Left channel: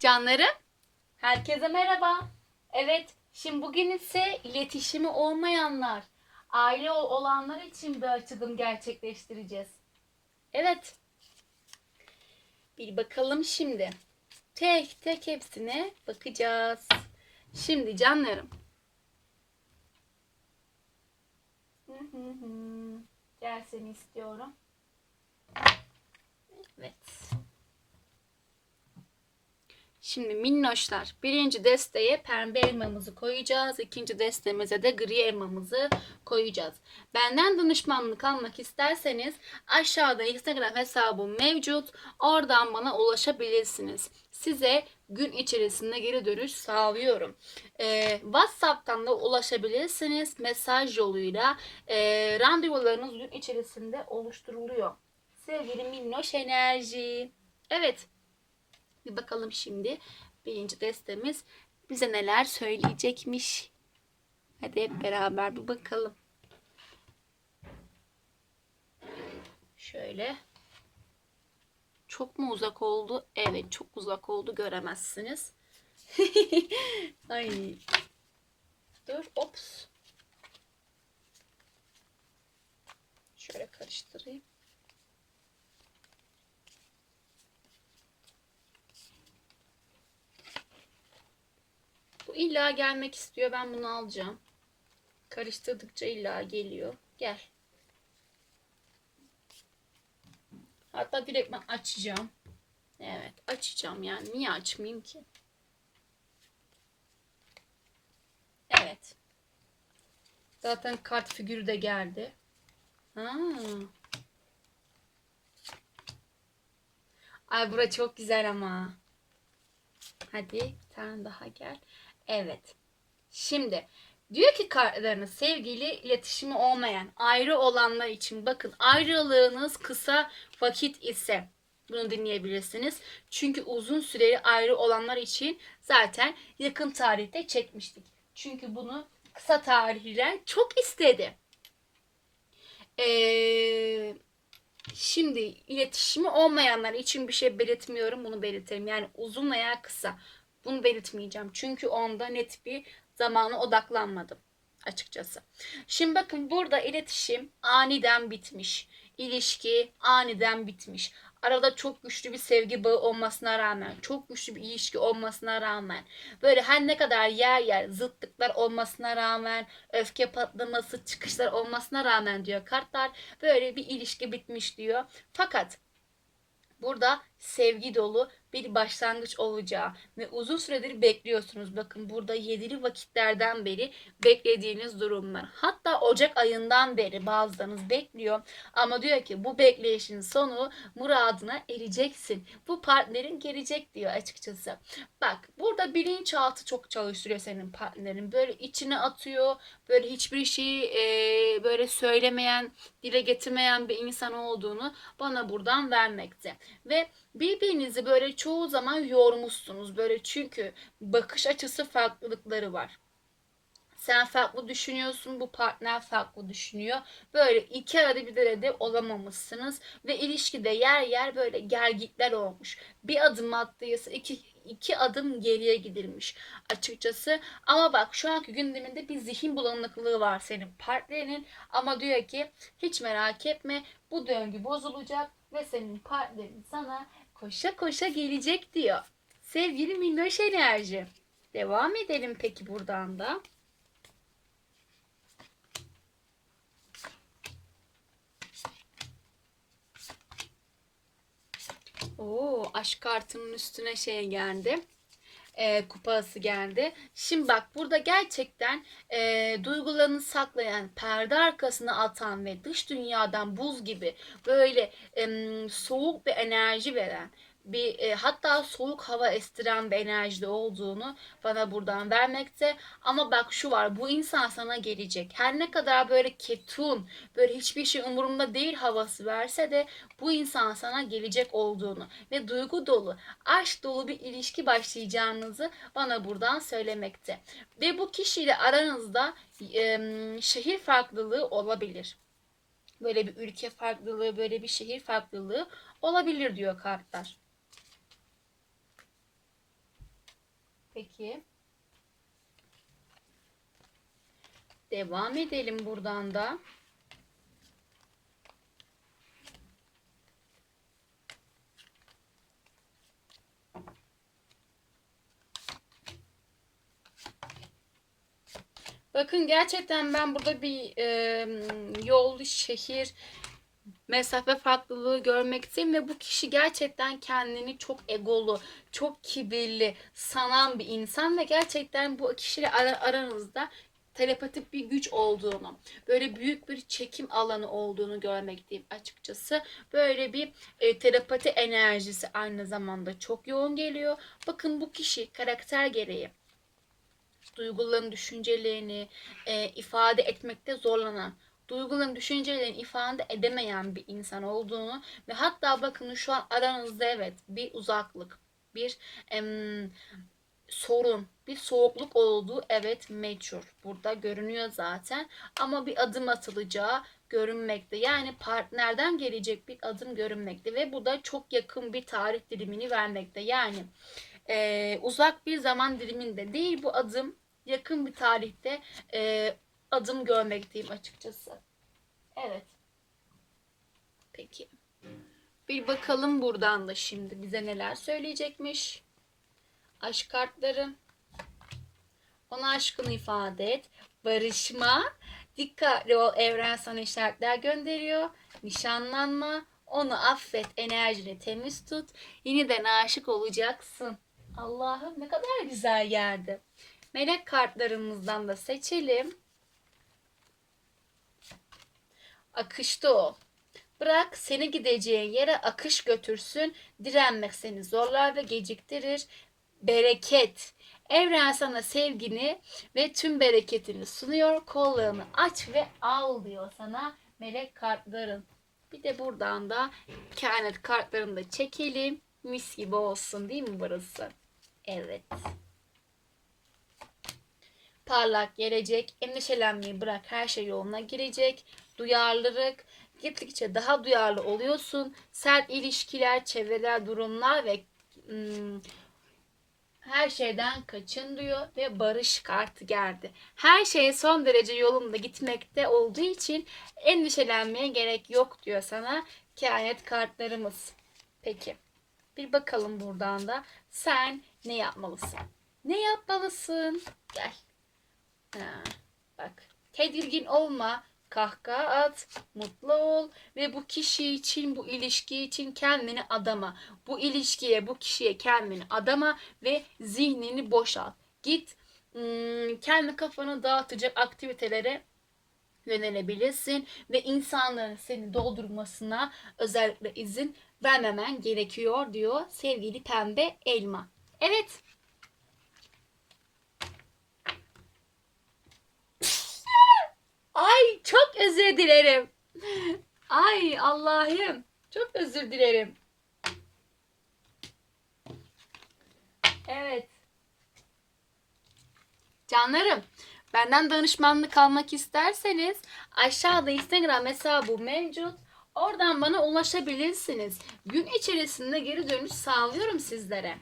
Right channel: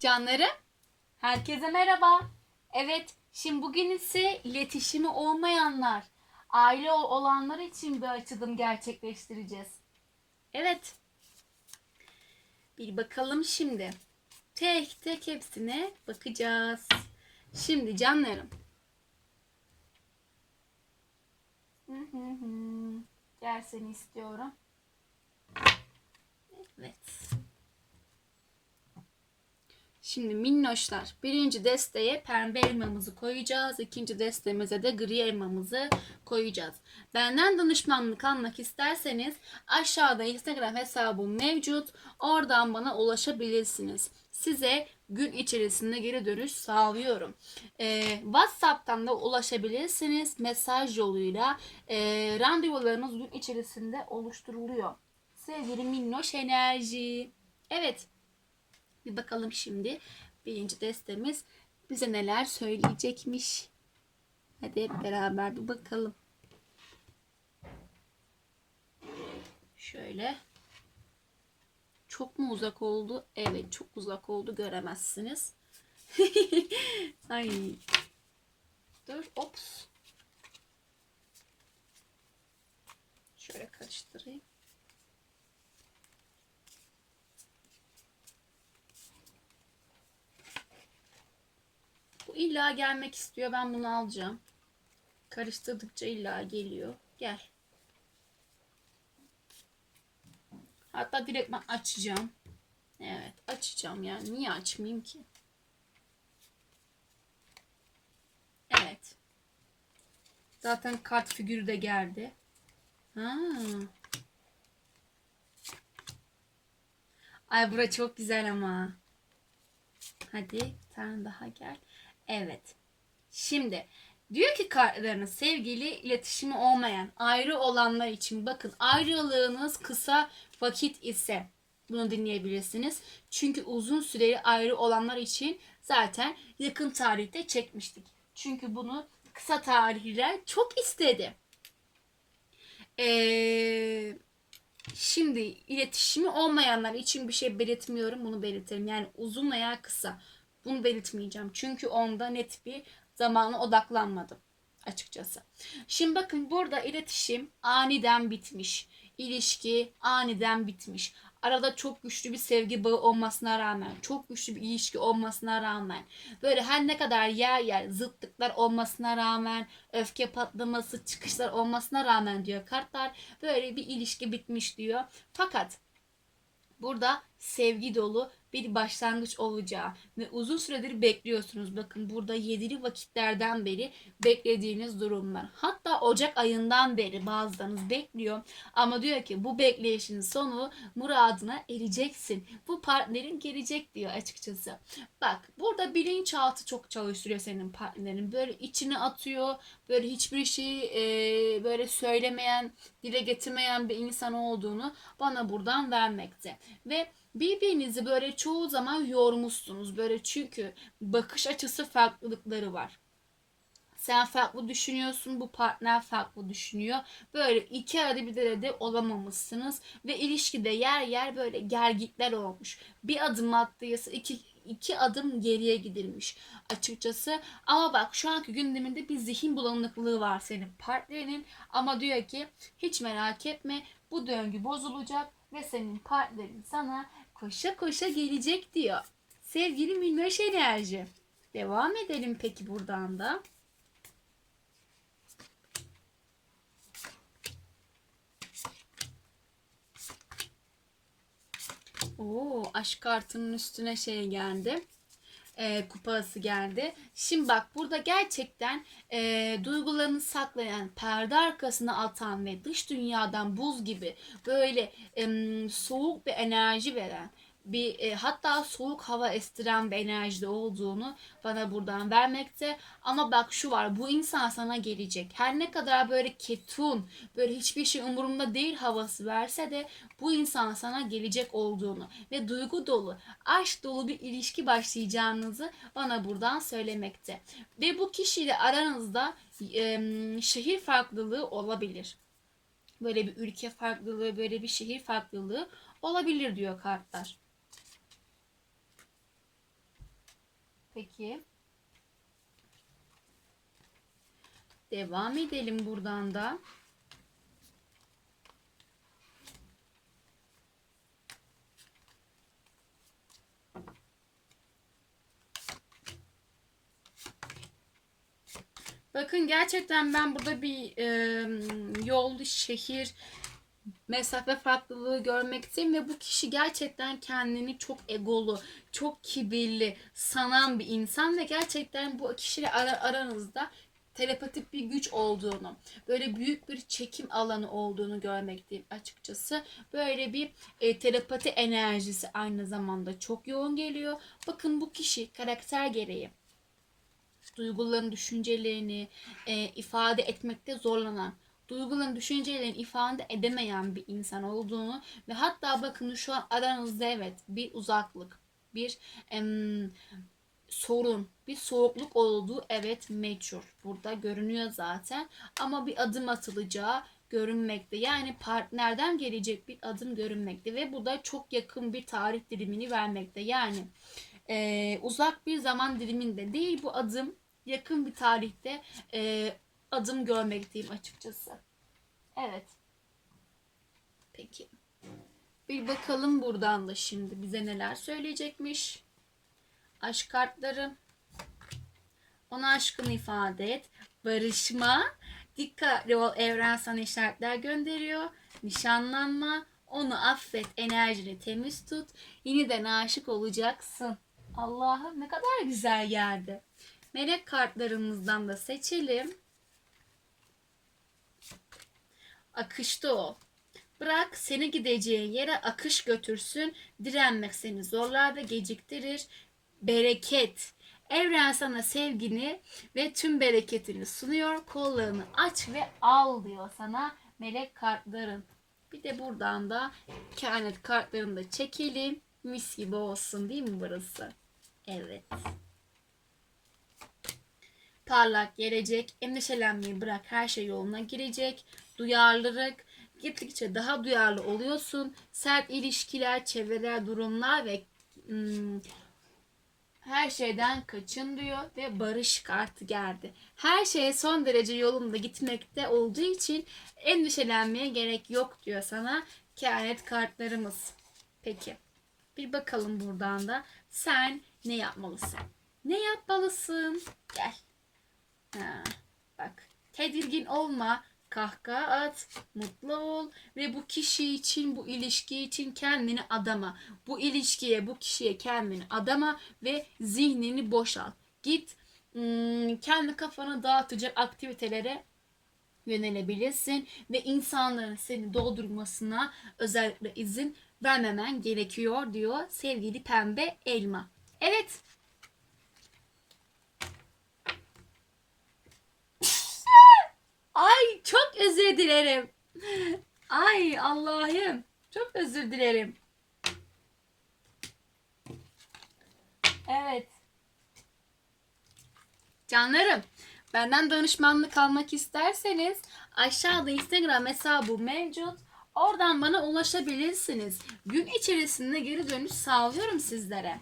Canlarım, herkese merhaba. Evet, şimdi bugün ise iletişimi olmayanlar, aile olanlar için bir açılım gerçekleştireceğiz. Evet. Bir bakalım şimdi. Tek tek hepsine bakacağız. Şimdi canlarım. Hı hı hı. Gel seni istiyorum. Evet. Şimdi minnoşlar birinci desteye pembe elmamızı koyacağız. ikinci destemize de gri elmamızı koyacağız. Benden danışmanlık almak isterseniz aşağıda Instagram hesabım mevcut. Oradan bana ulaşabilirsiniz. Size gün içerisinde geri dönüş sağlıyorum. Ee, WhatsApp'tan da ulaşabilirsiniz. Mesaj yoluyla ee, randevularınız gün içerisinde oluşturuluyor. Sevgili minnoş enerji. Evet. Bir bakalım şimdi birinci destemiz bize neler söyleyecekmiş. Hadi hep beraber bir bakalım. Şöyle. Çok mu uzak oldu? Evet çok uzak oldu göremezsiniz. Ay. Dur ops. Şöyle karıştırayım. Bu illa gelmek istiyor. Ben bunu alacağım. Karıştırdıkça illa geliyor. Gel. Hatta direkt ben açacağım. Evet açacağım yani. Niye açmayayım ki? Evet. Zaten kart figürü de geldi. Ha. Ay bura çok güzel ama. Hadi bir tane daha gel. Evet. Şimdi diyor ki kartlarınız sevgili iletişimi olmayan ayrı olanlar için bakın ayrılığınız kısa vakit ise bunu dinleyebilirsiniz. Çünkü uzun süreli ayrı olanlar için zaten yakın tarihte çekmiştik. Çünkü bunu kısa tarihliler çok istedi. Ee, şimdi iletişimi olmayanlar için bir şey belirtmiyorum. Bunu belirtelim. Yani uzun veya kısa. Bunu belirtmeyeceğim. Çünkü onda net bir zamana odaklanmadım açıkçası. Şimdi bakın burada iletişim aniden bitmiş. İlişki aniden bitmiş. Arada çok güçlü bir sevgi bağı olmasına rağmen, çok güçlü bir ilişki olmasına rağmen, böyle her ne kadar yer yer zıtlıklar olmasına rağmen, öfke patlaması, çıkışlar olmasına rağmen diyor kartlar, böyle bir ilişki bitmiş diyor. Fakat burada sevgi dolu bir başlangıç olacağı ve uzun süredir bekliyorsunuz. Bakın burada yedili vakitlerden beri beklediğiniz durumlar. Hatta Ocak ayından beri bazılarınız bekliyor ama diyor ki bu bekleyişin sonu muradına ereceksin. Bu partnerin gelecek diyor açıkçası. Bak burada bilinçaltı çok çalıştırıyor senin partnerin. Böyle içine atıyor. Böyle hiçbir şeyi e, böyle söylemeyen, dile getirmeyen bir insan olduğunu bana buradan vermekte. Ve birbirinizi böyle çoğu zaman yormuşsunuz. Böyle çünkü bakış açısı farklılıkları var. Sen farklı düşünüyorsun, bu partner farklı düşünüyor. Böyle iki arada bir derede olamamışsınız ve ilişkide yer yer böyle gergitler olmuş. Bir adım attıysa iki, iki adım geriye gidilmiş açıkçası. Ama bak şu anki gündeminde bir zihin bulanıklığı var senin partnerinin ama diyor ki hiç merak etme bu döngü bozulacak ve senin partnerin sana koşa koşa gelecek diyor. Sevgili minnoş enerji. Devam edelim peki buradan da. Oo, aşk kartının üstüne şey geldi. E, kupası geldi. Şimdi bak burada gerçekten e, duygularını saklayan, perde arkasına atan ve dış dünyadan buz gibi böyle em, soğuk bir enerji veren bir e, hatta soğuk hava estiren bir enerjide olduğunu bana buradan vermekte. Ama bak şu var bu insan sana gelecek. Her ne kadar böyle ketun, böyle hiçbir şey umurumda değil havası verse de bu insan sana gelecek olduğunu ve duygu dolu, aşk dolu bir ilişki başlayacağınızı bana buradan söylemekte. Ve bu kişiyle aranızda e, şehir farklılığı olabilir. Böyle bir ülke farklılığı, böyle bir şehir farklılığı olabilir diyor kartlar. Peki. Devam edelim buradan da. Bakın gerçekten ben burada bir e, yol, şehir, mesafe farklılığı görmekteyim ve bu kişi gerçekten kendini çok egolu, çok kibirli sanan bir insan ve gerçekten bu kişiyle ara- aranızda telepatik bir güç olduğunu, böyle büyük bir çekim alanı olduğunu görmekteyim açıkçası. Böyle bir e, telepati enerjisi aynı zamanda çok yoğun geliyor. Bakın bu kişi karakter gereği duyguların, düşüncelerini e, ifade etmekte zorlanan, duyguların, düşüncelerini ifade edemeyen bir insan olduğunu ve hatta bakın şu an aranızda evet bir uzaklık, bir em, sorun, bir soğukluk olduğu evet meçhul. Burada görünüyor zaten ama bir adım atılacağı görünmekte. Yani partnerden gelecek bir adım görünmekte ve bu da çok yakın bir tarih dilimini vermekte. Yani e, uzak bir zaman diliminde değil bu adım yakın bir tarihte e, adım görmekteyim açıkçası. Evet. Peki. Bir bakalım buradan da şimdi bize neler söyleyecekmiş. Aşk kartları. Ona aşkını ifade et. Barışma. Dikkatli ol evren sana işaretler gönderiyor. Nişanlanma. Onu affet. Enerjini temiz tut. Yeniden aşık olacaksın. Allah'ım ne kadar güzel geldi. Melek kartlarımızdan da seçelim. Akışta o. Bırak seni gideceğin yere akış götürsün. Direnmek seni zorlar ve geciktirir. Bereket. Evren sana sevgini ve tüm bereketini sunuyor. Kollarını aç ve al diyor sana melek kartların. Bir de buradan da kehanet kartlarını da çekelim. Mis gibi olsun değil mi burası? Evet. Parlak gelecek, endişelenmeyi bırak her şey yoluna girecek. Duyarlılık, gittikçe daha duyarlı oluyorsun. Sert ilişkiler, çevreler, durumlar ve hmm, her şeyden kaçın diyor ve barış kartı geldi. Her şey son derece yolunda gitmekte olduğu için endişelenmeye gerek yok diyor sana kehanet kartlarımız. Peki bir bakalım buradan da sen ne yapmalısın? Ne yapmalısın? Gel. Ha, bak tedirgin olma kahkaha at, mutlu ol ve bu kişi için, bu ilişki için kendini adama. Bu ilişkiye, bu kişiye kendini adama ve zihnini boşalt. Git hmm, kendi kafanı dağıtacak aktivitelere yönelebilirsin ve insanların seni doldurmasına özellikle izin vermemen gerekiyor diyor sevgili pembe elma. Evet. Ay çok özür dilerim. Ay Allah'ım. Çok özür dilerim. Evet. Canlarım, benden danışmanlık almak isterseniz aşağıda Instagram hesabı mevcut. Oradan bana ulaşabilirsiniz. Gün içerisinde geri dönüş sağlıyorum sizlere.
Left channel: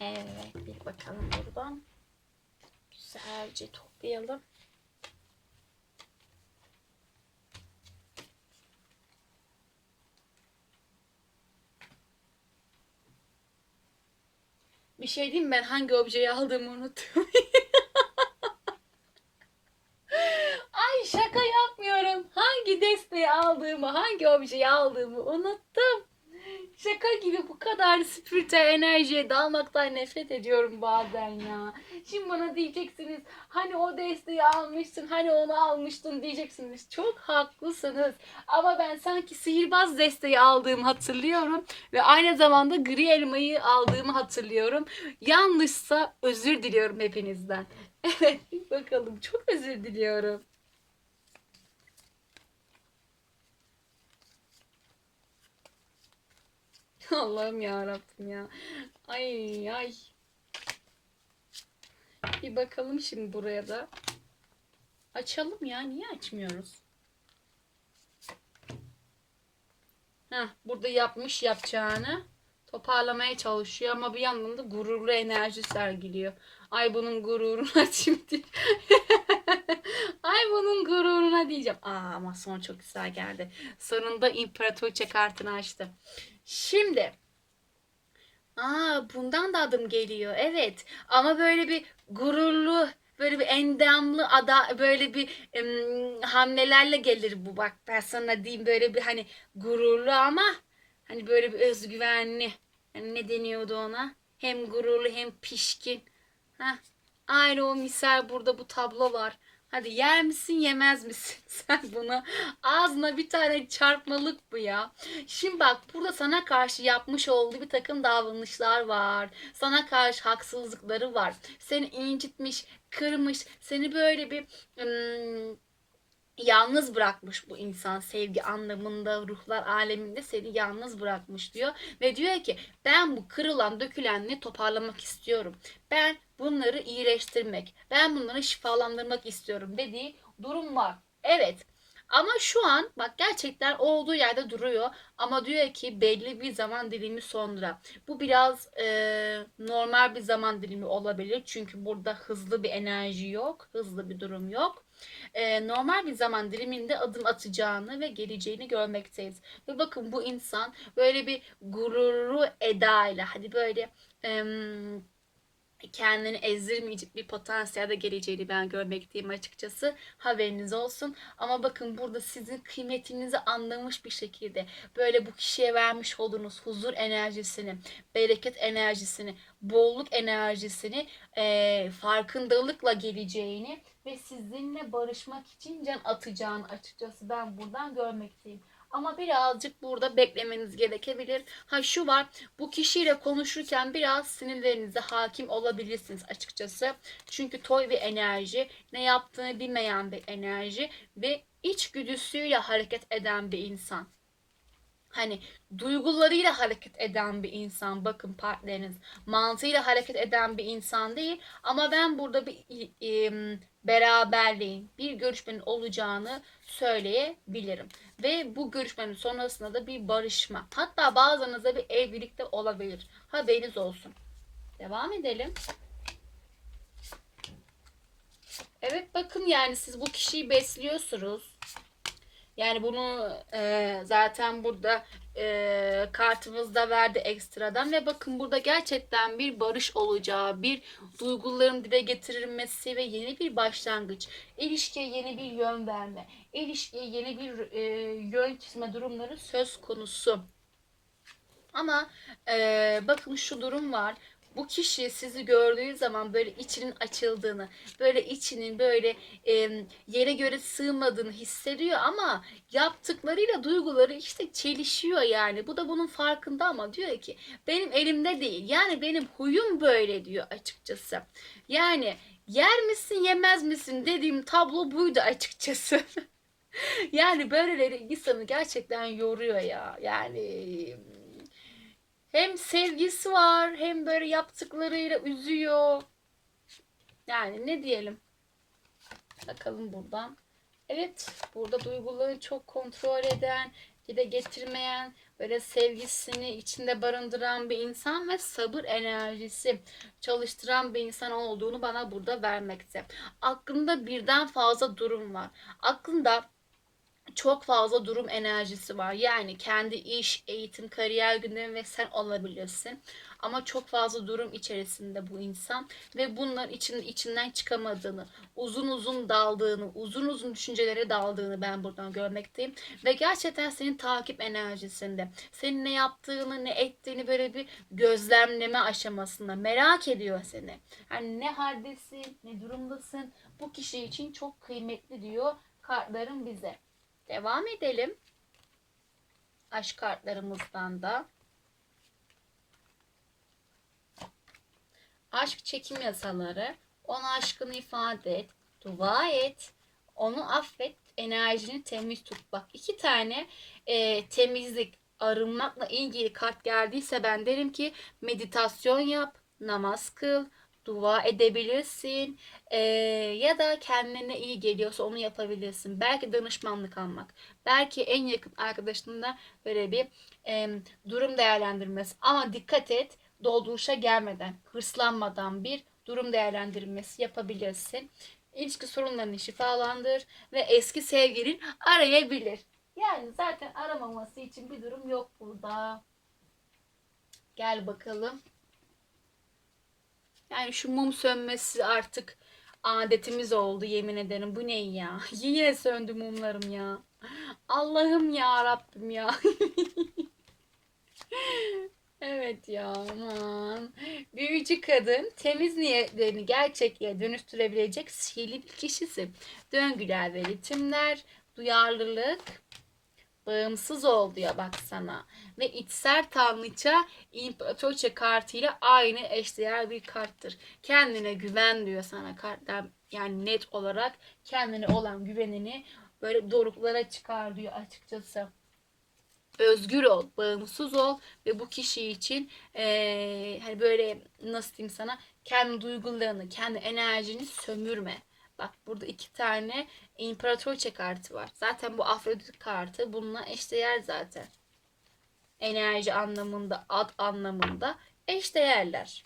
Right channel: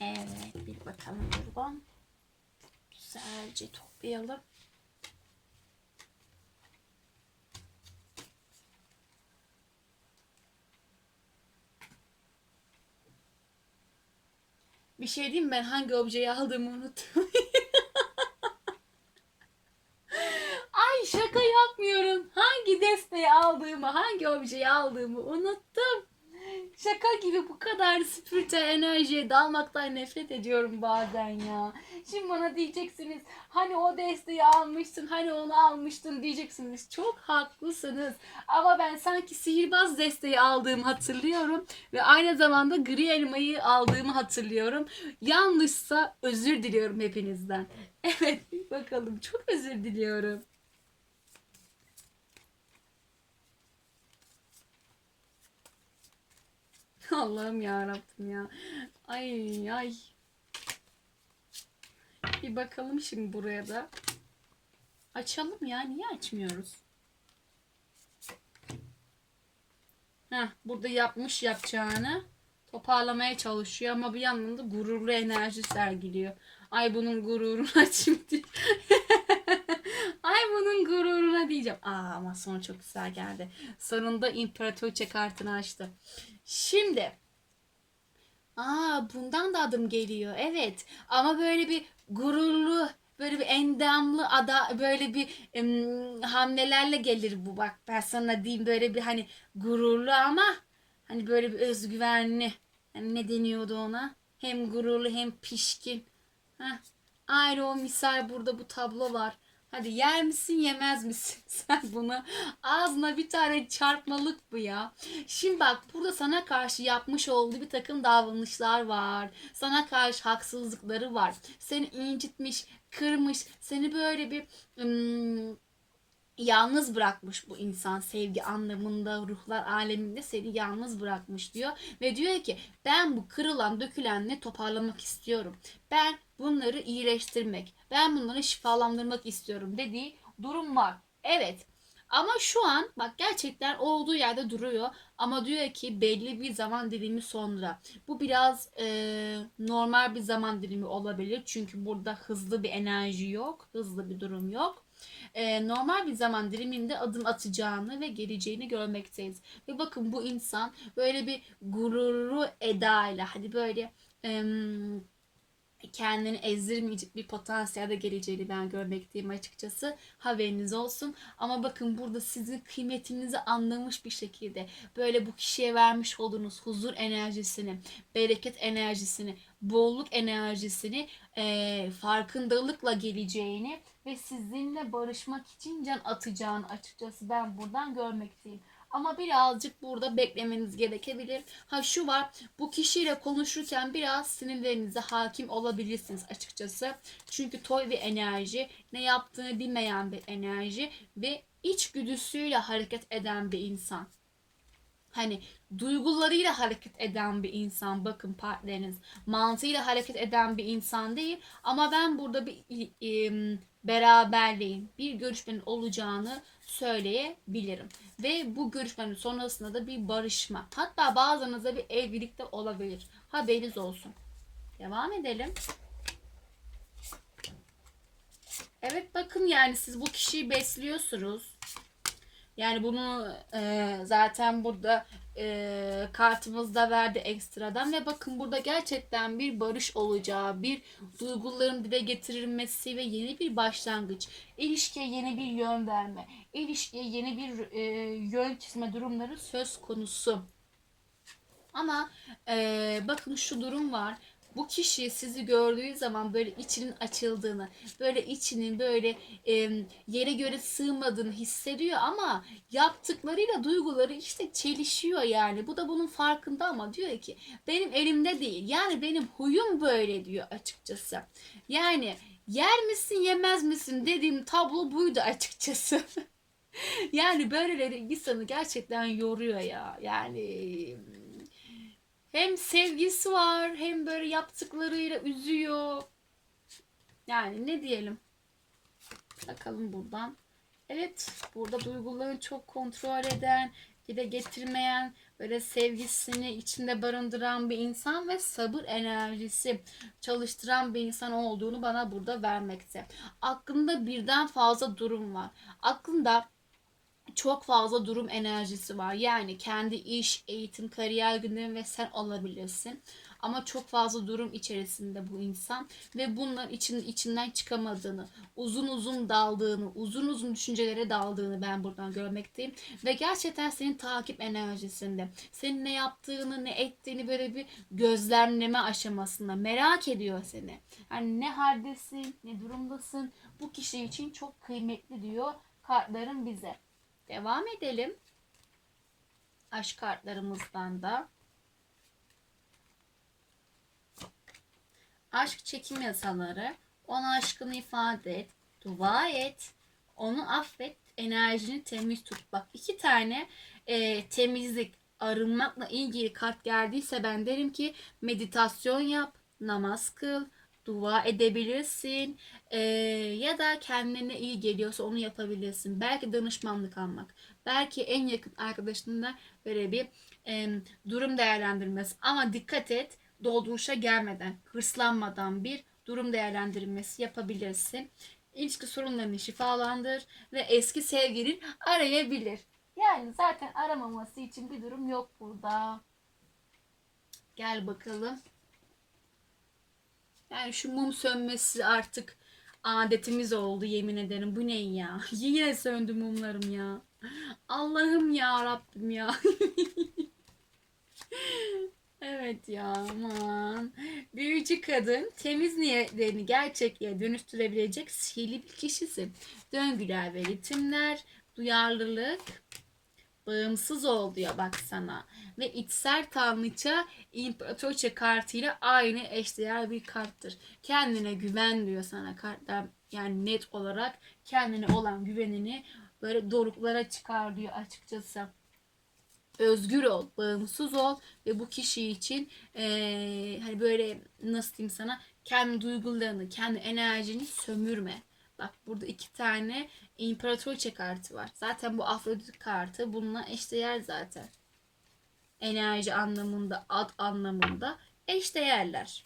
Evet, bir bakalım buradan. Güzelce toplayalım. Bir şey diyeyim ben hangi objeyi aldığımı unuttum. Ay şaka yapmıyorum. Hangi desteği aldığımı, hangi objeyi aldığımı unuttum. Şaka gibi bu kadar spiritüel enerjiye dalmaktan nefret ediyorum bazen ya. Şimdi bana diyeceksiniz hani o desteği almıştın hani onu almıştın diyeceksiniz. Çok haklısınız. Ama ben sanki sihirbaz desteği aldığımı hatırlıyorum. Ve aynı zamanda gri elmayı aldığımı hatırlıyorum. Yanlışsa özür diliyorum hepinizden. Evet bakalım çok özür diliyorum. Allah'ım ya Rabbim ya. Ay ay. Bir bakalım şimdi buraya da. Açalım ya. Niye açmıyoruz? Heh, burada yapmış yapacağını toparlamaya çalışıyor ama bir yandan da gururlu enerji sergiliyor. Ay bunun şimdi. Ay bunun gururuna diyeceğim. Aa ama son çok güzel geldi. Sonunda imparatoriçe kartını açtı. Şimdi Aa bundan da adım geliyor. Evet. Ama böyle bir gururlu, böyle bir endamlı ada böyle bir em, hamlelerle gelir bu bak. Ben sana diyeyim böyle bir hani gururlu ama hani böyle bir özgüvenli. Yani ne deniyordu ona? Hem gururlu hem pişkin. Heh. Aynı o misal burada bu tablo var. Hadi yer misin yemez misin sen bunu? Ağzına bir tane çarpmalık bu ya. Şimdi bak burada sana karşı yapmış olduğu bir takım davranışlar var. Sana karşı haksızlıkları var. Seni incitmiş, kırmış, seni böyle bir ım, yalnız bırakmış bu insan sevgi anlamında ruhlar aleminde seni yalnız bırakmış diyor. Ve diyor ki ben bu kırılan dökülenleri toparlamak istiyorum? Ben bunları iyileştirmek ben bunları şifalandırmak istiyorum. dediği durum var. Evet ama şu an bak gerçekten olduğu yerde duruyor. Ama diyor ki belli bir zaman dilimi sonra. Bu biraz e, normal bir zaman dilimi olabilir. Çünkü burada hızlı bir enerji yok hızlı bir durum yok e, normal bir zaman diliminde adım atacağını ve geleceğini görmekteyiz. Ve bakın bu insan böyle bir gururlu edayla hadi böyle em, kendini ezdirmeyecek bir potansiyelde geleceğini ben görmekteyim açıkçası. Haberiniz olsun. Ama bakın burada sizin kıymetinizi anlamış bir şekilde böyle bu kişiye vermiş olduğunuz huzur enerjisini, bereket enerjisini, bolluk enerjisini e, farkındalıkla geleceğini ve sizinle barışmak için can atacağını açıkçası ben buradan görmekteyim. Ama birazcık burada beklemeniz gerekebilir. Ha şu var bu kişiyle konuşurken biraz sinirlerinize hakim olabilirsiniz açıkçası. Çünkü toy bir enerji, ne yaptığını bilmeyen bir enerji ve içgüdüsüyle hareket eden bir insan. Hani duygularıyla hareket eden bir insan bakın partneriniz mantığıyla hareket eden bir insan değil ama ben burada bir beraberliğin bir görüşmenin olacağını söyleyebilirim. Ve bu görüşmenin sonrasında da bir barışma. Hatta bazılarınızda bir evlilik de olabilir. Haberiniz olsun. Devam edelim. Evet bakın yani siz bu kişiyi besliyorsunuz. Yani bunu e, zaten burada e, kartımızda verdi ekstradan ve bakın burada gerçekten bir barış olacağı, bir duyguların dile getirilmesi ve yeni bir başlangıç, ilişkiye yeni bir yön verme, ilişkiye yeni bir e, yön çizme durumları söz konusu. Ama e, bakın şu durum var bu kişi sizi gördüğü zaman böyle içinin açıldığını, böyle içinin böyle e, yere göre sığmadığını hissediyor ama yaptıklarıyla duyguları işte çelişiyor yani. Bu da bunun farkında ama diyor ki benim elimde değil. Yani benim huyum böyle diyor açıkçası. Yani yer misin yemez misin dediğim tablo buydu açıkçası. yani böyleleri insanı gerçekten yoruyor ya. Yani hem sevgisi var hem böyle yaptıklarıyla üzüyor. Yani ne diyelim. Bakalım buradan. Evet burada duyguları çok kontrol eden, dile getirmeyen, böyle sevgisini içinde barındıran bir insan ve sabır enerjisi çalıştıran bir insan olduğunu bana burada vermekte. Aklında birden fazla durum var. Aklında çok fazla durum enerjisi var. Yani kendi iş, eğitim, kariyer gündemi ve sen olabilirsin. Ama çok fazla durum içerisinde bu insan ve bunlar için içinden çıkamadığını, uzun uzun daldığını, uzun uzun düşüncelere daldığını ben buradan görmekteyim. Ve gerçekten senin takip enerjisinde, senin ne yaptığını, ne ettiğini böyle bir gözlemleme aşamasında merak ediyor seni. Yani ne haldesin, ne durumdasın. Bu kişi için çok kıymetli diyor kartların bize. Devam edelim. Aşk kartlarımızdan da. Aşk çekim yasaları. Ona aşkını ifade et. Dua et. Onu affet. Enerjini temiz tut. Bak iki tane e, temizlik, arınmakla ilgili kart geldiyse ben derim ki meditasyon yap, namaz kıl, dua edebilirsin. Ee, ya da kendine iyi geliyorsa onu yapabilirsin. Belki danışmanlık almak. Belki en yakın arkadaşınla böyle bir e, durum değerlendirmesi. Ama dikkat et dolduruşa gelmeden, hırslanmadan bir durum değerlendirmesi yapabilirsin. İlişki sorunlarını şifalandır ve eski sevgilin arayabilir. Yani zaten aramaması için bir durum yok burada. Gel bakalım. Yani şu mum sönmesi artık adetimiz oldu yemin ederim. Bu ne ya? Yine söndü mumlarım ya. Allah'ım ya Rabbim ya. evet ya aman. Büyücü kadın temiz niyetlerini gerçekliğe dönüştürebilecek sihirli bir kişisin. Döngüler ve ritimler, duyarlılık, bağımsız ol diyor bak sana. Ve içsel tanrıça imparatorça kartıyla aynı eşdeğer bir karttır. Kendine güven diyor sana kartlar. Yani net olarak kendine olan güvenini böyle doruklara çıkar diyor açıkçası. Özgür ol, bağımsız ol ve bu kişi için eee, hani böyle nasıl diyeyim sana kendi duygularını, kendi enerjini sömürme. Bak burada iki tane imparatorça kartı var. Zaten bu Afrodit kartı bununla eşdeğer zaten. Enerji anlamında, ad anlamında eşdeğerler.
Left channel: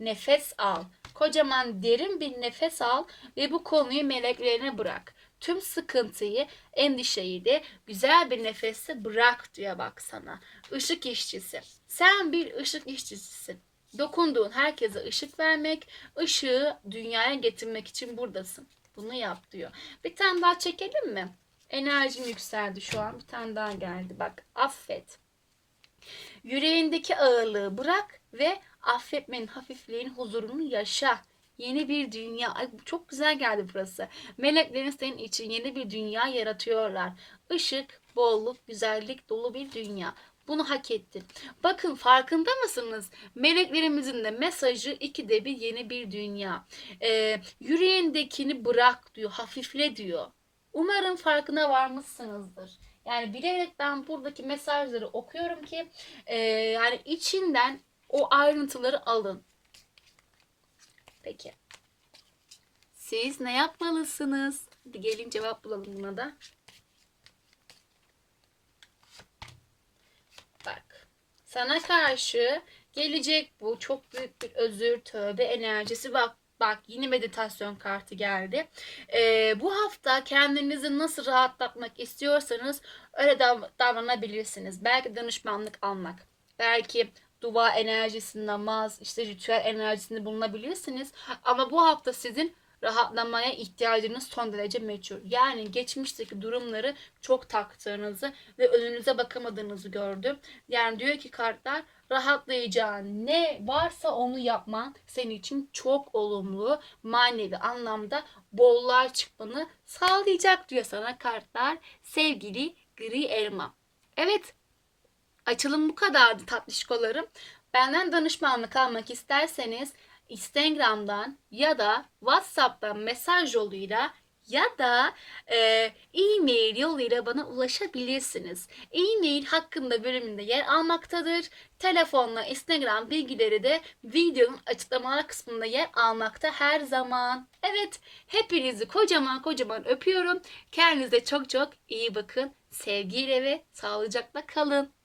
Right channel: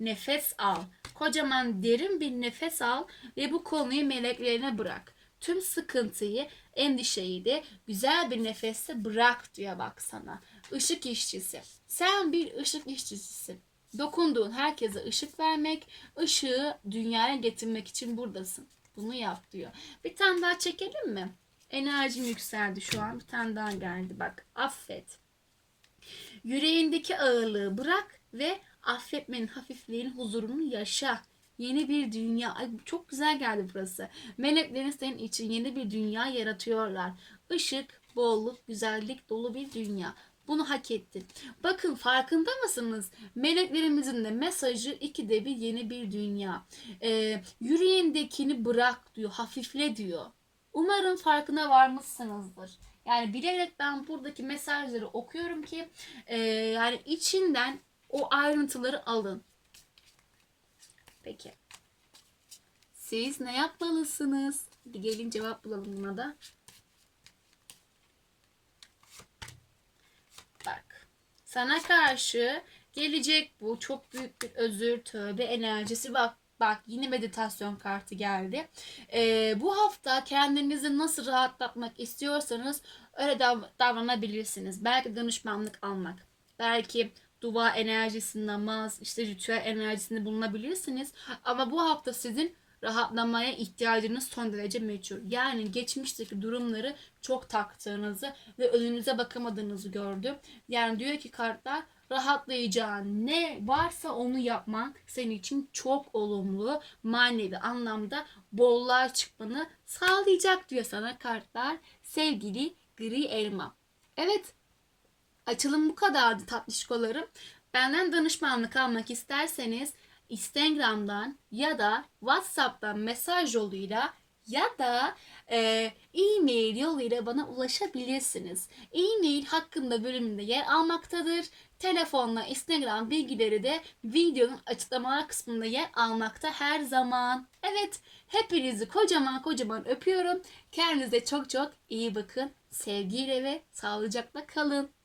Nefes al. Kocaman derin bir nefes al ve bu konuyu meleklerine bırak. Tüm sıkıntıyı, endişeyi de güzel bir nefeste bırak diyor bak sana. Işık işçisi. Sen bir ışık işçisisin. Dokunduğun herkese ışık vermek, ışığı dünyaya getirmek için buradasın. Bunu yap diyor. Bir tane daha çekelim mi? Enerjim yükseldi şu an. Bir tane daha geldi. Bak affet. Yüreğindeki ağırlığı bırak ve affetmenin hafifliğin huzurunu yaşa. Yeni bir dünya. Ay, çok güzel geldi burası. Meleklerin senin için yeni bir dünya yaratıyorlar. Işık, bolluk, güzellik dolu bir dünya. Bunu hak ettin. Bakın farkında mısınız? Meleklerimizin de mesajı ikide bir yeni bir dünya. Ee, yüreğindekini bırak diyor, hafifle diyor. Umarım farkına varmışsınızdır. Yani bilerek ben buradaki mesajları okuyorum ki e, yani içinden o ayrıntıları alın. Peki. Siz ne yapmalısınız? Hadi gelin cevap bulalım buna da. Bak. Sana karşı gelecek bu çok büyük bir özür, tövbe enerjisi. Bak bak yine meditasyon kartı geldi. Ee, bu hafta kendinizi nasıl rahatlatmak istiyorsanız öyle dav- davranabilirsiniz. Belki danışmanlık almak. Belki dua enerjisi, namaz, işte ritüel enerjisinde bulunabilirsiniz. Ama bu hafta sizin rahatlamaya ihtiyacınız son derece meçhul. Yani geçmişteki durumları çok taktığınızı ve önünüze bakamadığınızı gördüm. Yani diyor ki kartlar rahatlayacağın ne varsa onu yapman senin için çok olumlu manevi anlamda bolluğa çıkmanı sağlayacak diyor sana kartlar sevgili gri elma. Evet açılım bu kadardı tatlışkolarım. Benden danışmanlık almak isterseniz Instagram'dan ya da WhatsApp'tan mesaj yoluyla ya da e, e-mail yoluyla bana ulaşabilirsiniz. E-mail hakkında bölümünde yer almaktadır. Telefonla Instagram bilgileri de videonun açıklamalar kısmında yer almakta her zaman. Evet, hepinizi kocaman kocaman öpüyorum. Kendinize çok çok iyi bakın. Sevgiyle ve sağlıcakla kalın.